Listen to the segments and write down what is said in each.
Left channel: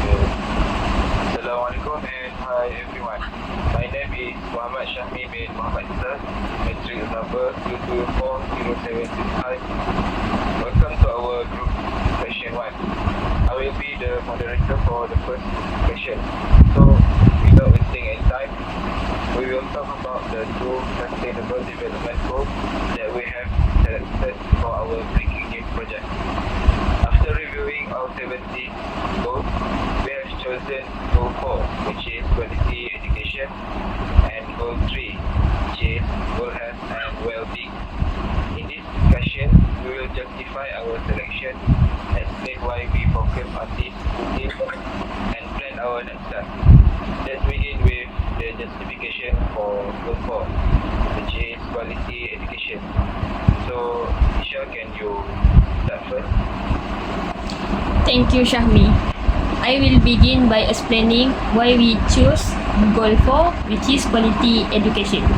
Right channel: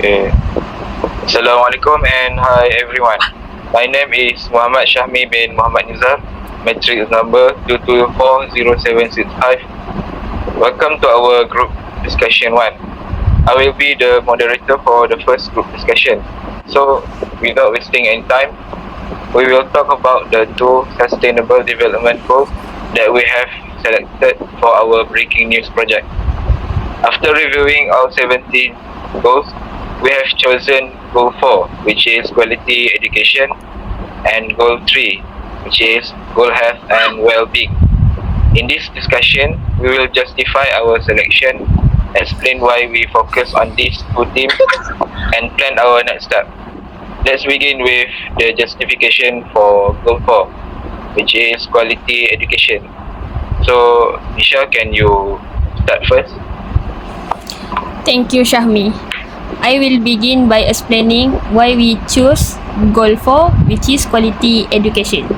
Okay. Assalamualaikum and hi everyone. My name is Muhammad Syahmi bin Muhammad Nizam, matrix number 2240765. Welcome to our group discussion 1. I will be the moderator for the first group discussion. So, without wasting any time, we will talk about the 2 sustainable development goals that we have selected for our breaking news project. After reviewing all 17 goals, we have chosen goal 4, which is quality education, and goal 3, which is goal health and well-being. In this discussion, we will justify our selection, explain why we focus on these 2 themes, and plan our next step. Let's begin with the justification for goal 4, which is quality education. So, Isha, can you start first? Thank you, Syahmi. I will begin by explaining why we choose goal 4, which is quality education.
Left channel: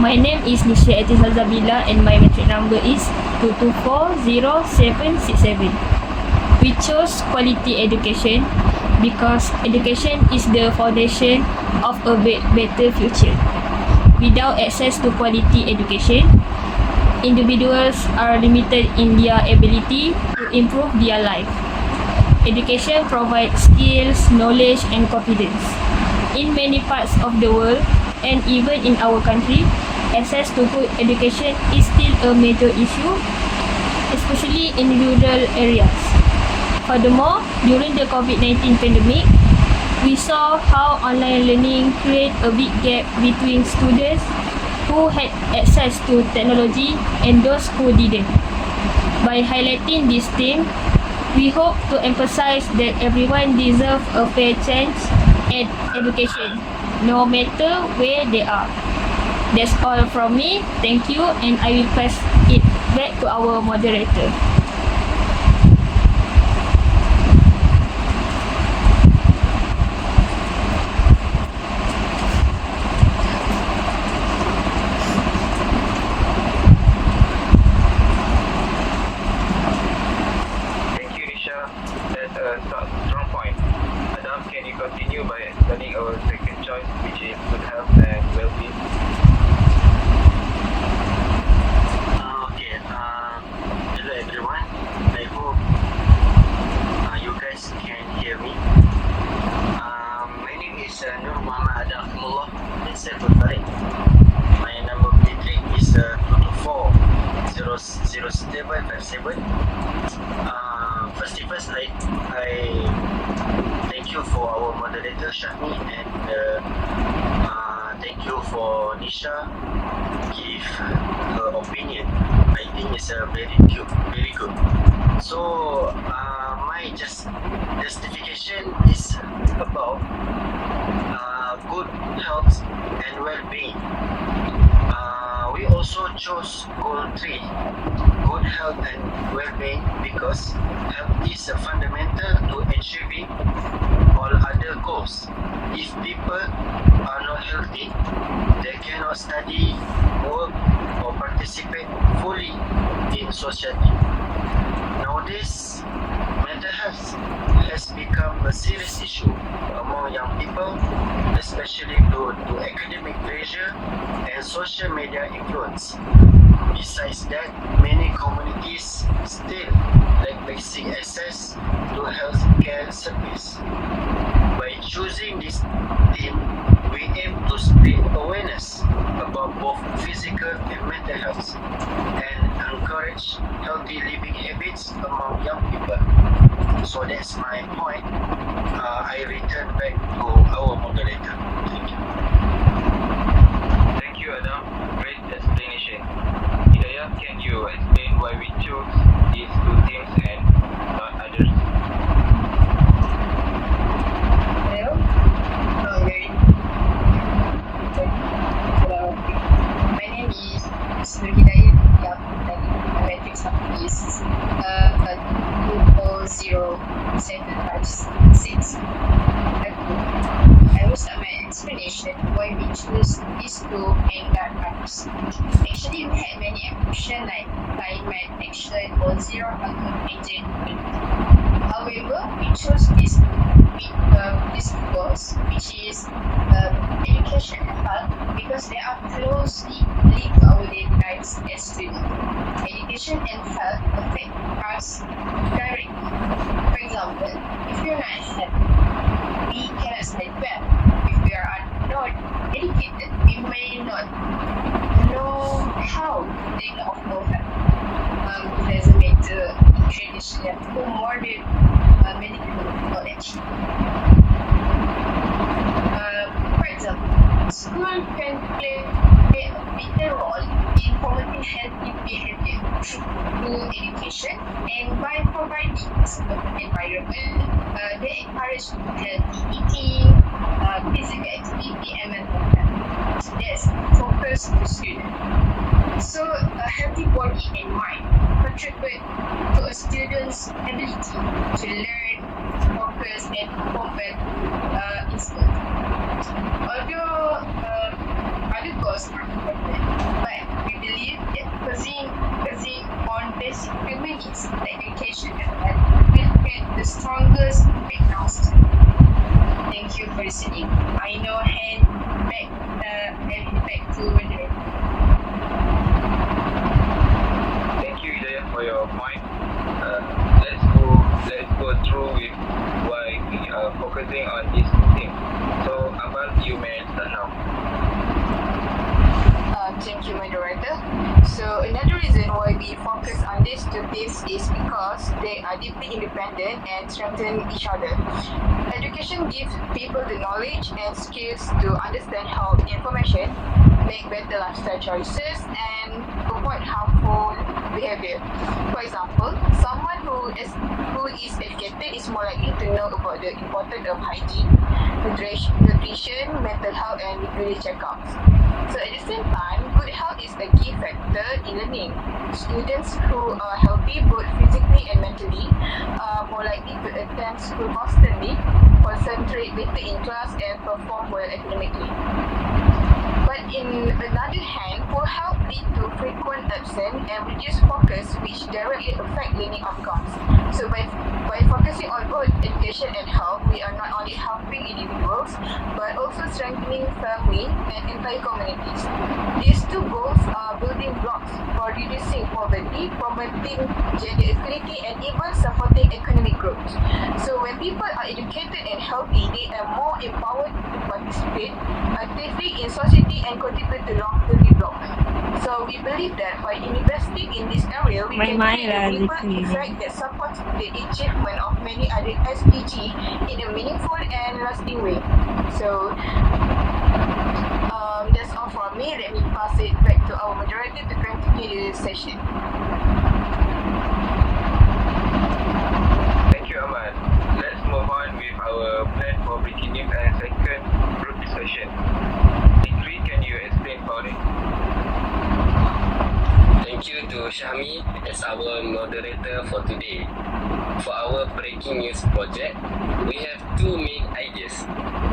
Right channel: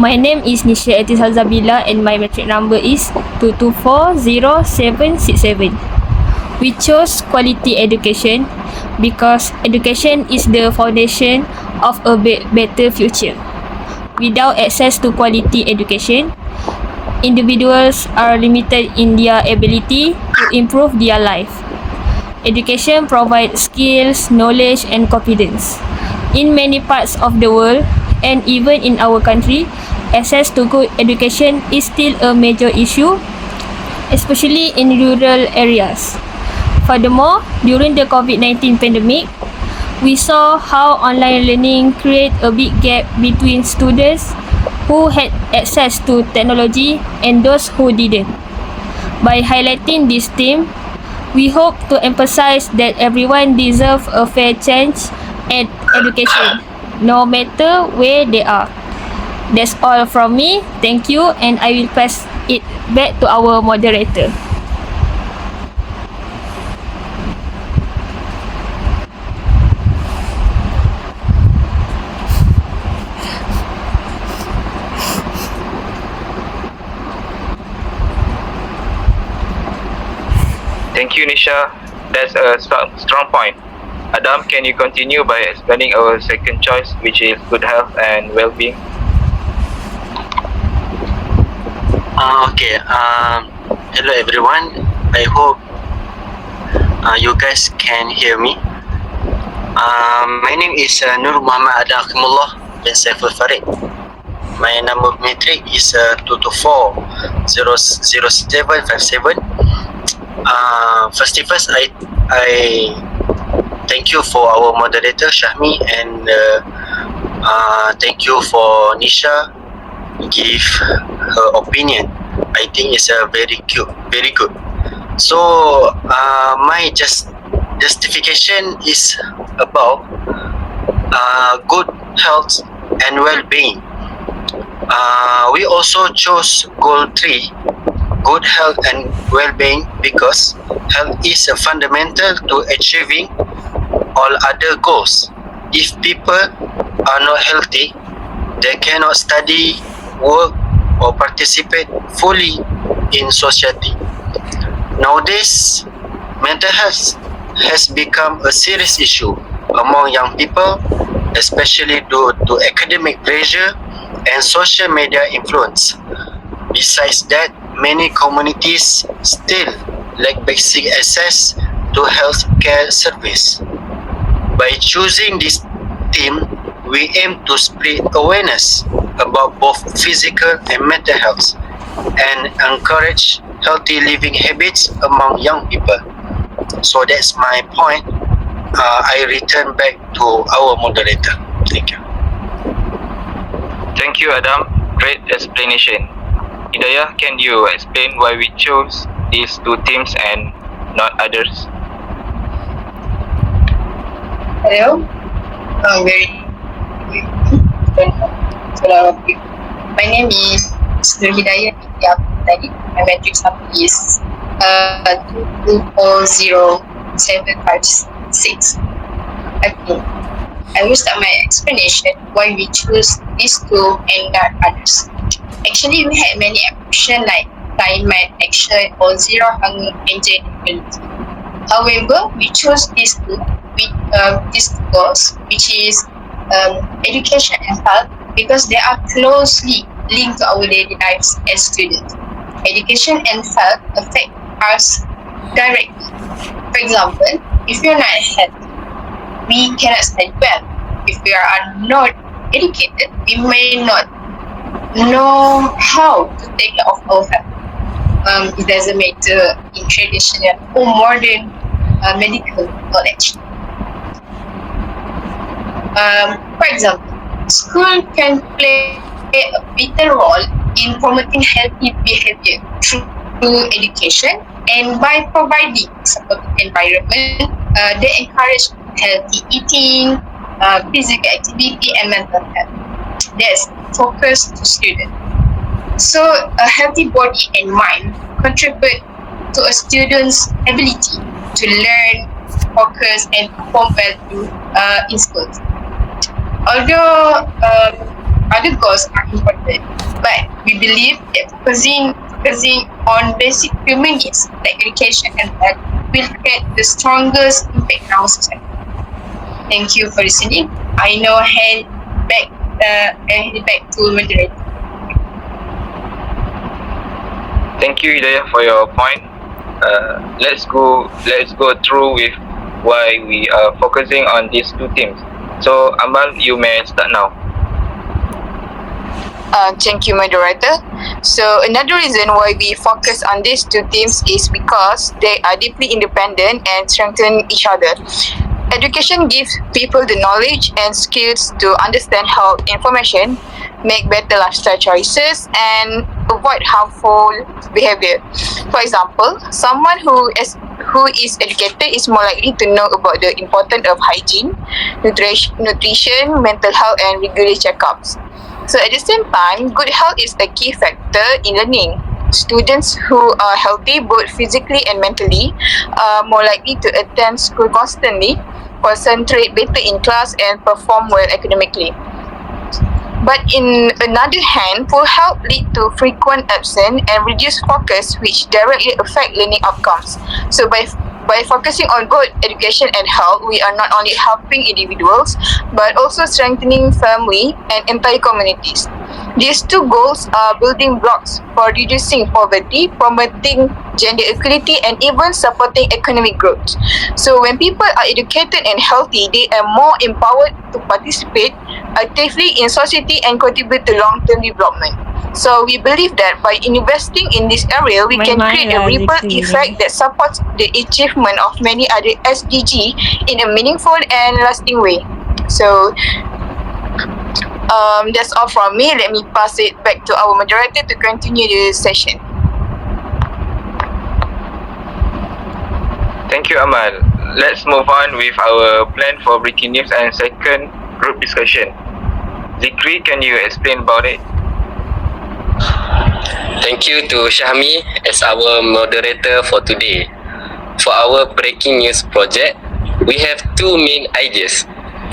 My name is Nisha Etisal Zabila and my matric number is 2240767. We chose quality education because education is the foundation of a better future. Without access to quality education, individuals are limited in their ability to improve their life. Education provides skills, knowledge and confidence. In many parts of the world and even in our country, access to good education is still a major issue, especially in rural areas. Furthermore, during the COVID-19 pandemic, we saw how online learning created a big gap between students who had access to technology and those who didn't. By highlighting this theme, we hope to emphasize that everyone deserves a fair chance at education, no matter where they are. That's all from me. Thank you, and I will pass it back to our moderator. Thank you, Nisha. That's a strong point. Adam, can you continue by explaining our second choice, which is good health and well-being? Okay. Hello everyone. I hope you guys can hear me. My name is Nur Muhammad Adakimullah bin Saiful Farid. My number of matric is 2240757. First, I thank you for our moderator Syahmi and thank you for Nisha give her opinion. I think it's very good. So my justification is about good health and well-being. We also chose goal 3, good health and well-being, because health is fundamental to achieving all other goals. If people are not healthy, they cannot study, work or participate fully in society. Nowadays, mental health has become a serious issue among young people, especially due to academic pressure and social media influence. Besides that, many communities still lack basic access to health care service. By choosing this theme, we aim to spread awareness about both physical and mental health and encourage healthy living habits among young people. So that's my point. I return back to our moderator. Thank you. Thank you, Adam. Great explanation. Hidayah, can you explain why we chose these 2 themes and not others? Hello. My name is Nur Hidayah Tadi. My matrix number is 2400756. Okay. I will start my explanation why we choose these 2 and not others. Actually, we had many options like climate action or zero hunger and gender equality. However, we chose these two goals, which is education and health, because they are closely linked to our daily lives as students. Education and health affect us directly. For example, if you're not healthy, we cannot study well. If we are not educated, we may not know how to take care of our health. It doesn't matter in traditional or modern medical knowledge. For example, school can play a vital role in promoting healthy behavior through education, and by providing supportive environment, they encourage healthy eating, physical activity, and mental health. That's focus to students. So a healthy body and mind contribute to a student's ability to learn, focus, and perform well in schools. Although other goals are important, but we believe that focusing on basic human needs like education and health will create the strongest impact in our society. Thank you for listening. I now hand back to moderator. Thank you, Hidayah, for your point. Let's go through with why we are focusing on these two themes. So, Amal, you may start now. Thank you, moderator. So another reason why we focus on these two themes is because they are deeply independent and strengthen each other. Education gives people the knowledge and skills to understand health information, make better lifestyle choices, and avoid harmful behavior. For example, someone who is educated is more likely to know about the importance of hygiene, nutrition, mental health, and regular checkups. So at the same time, good health is a key factor in learning. Students who are healthy both physically and mentally are more likely to attend school constantly, concentrate better in class, and perform well academically. But in another hand, poor health lead to frequent absence and reduced focus, which directly affect learning outcomes. So by focusing on both education and health, we are not only helping individuals, but also strengthening family and entire communities. These two goals are building blocks for reducing poverty, promoting gender equality, and even supporting economic growth. So when people are educated and healthy, they are more empowered to participate actively in society and contribute to long-term development. So we believe that by investing in this area, we can create a ripple effect that supports the achievement of many other SDG in a meaningful and lasting way. So that's all from me. Let me pass it back to our moderator to continue the session. Thank you, Amal. Let's move on with our plan for breaking news and second group discussion. Zikri, can you explain about it? Thank you to Shahmi as our moderator for today. For our breaking news project, we have two main ideas.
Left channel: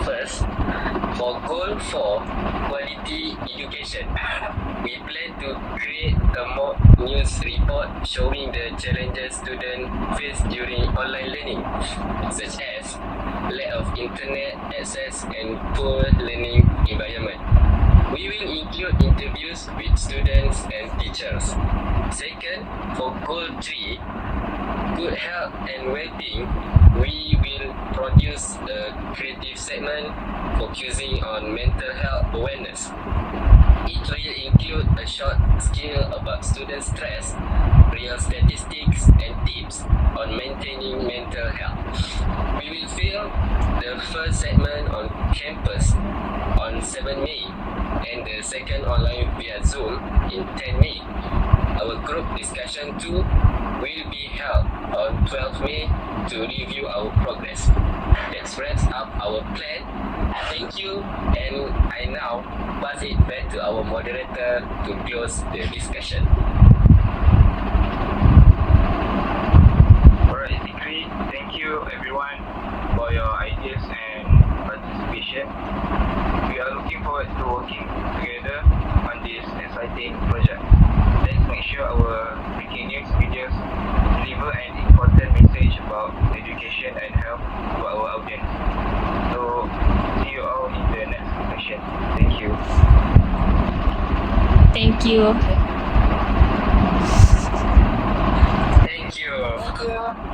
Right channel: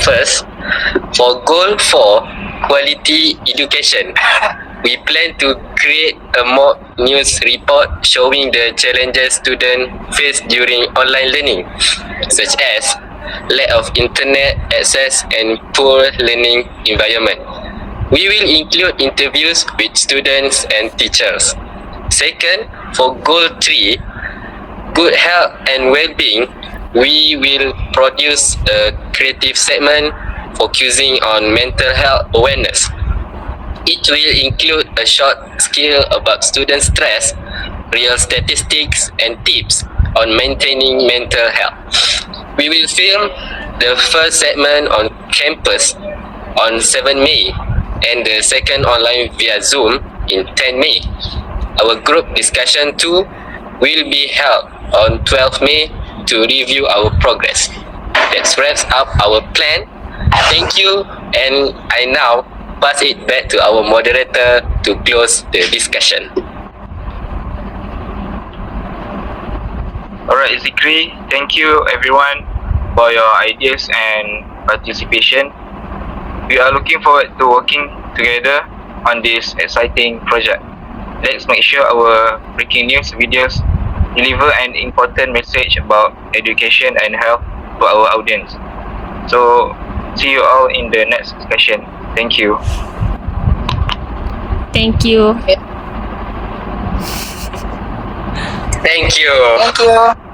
First, for goal 4, quality education, we plan to create a mock news report showing the challenges students face during online learning, such as lack of internet access and poor learning environment. We will include interviews with students and teachers. Second, for goal 3, good health and well-being, we will produce a creative segment focusing on mental health awareness. It will include a short skill about student stress, real statistics, and tips on maintaining mental health. We will film the first segment on campus on 7 May and the second online via Zoom in 10 May. Our group discussion 2 will be held on 12 May to review our progress. That wraps up our plan. Thank you, and I now pass it back to our moderator to close the discussion. Alright, Zikri, thank you everyone for your ideas and participation. We are looking forward to working together on this exciting project. Let's make sure our breaking news videos deliver an important message about education and health to our audience. So, see you all in the next discussion. Thank you. Thank you. Thank you. Thank you.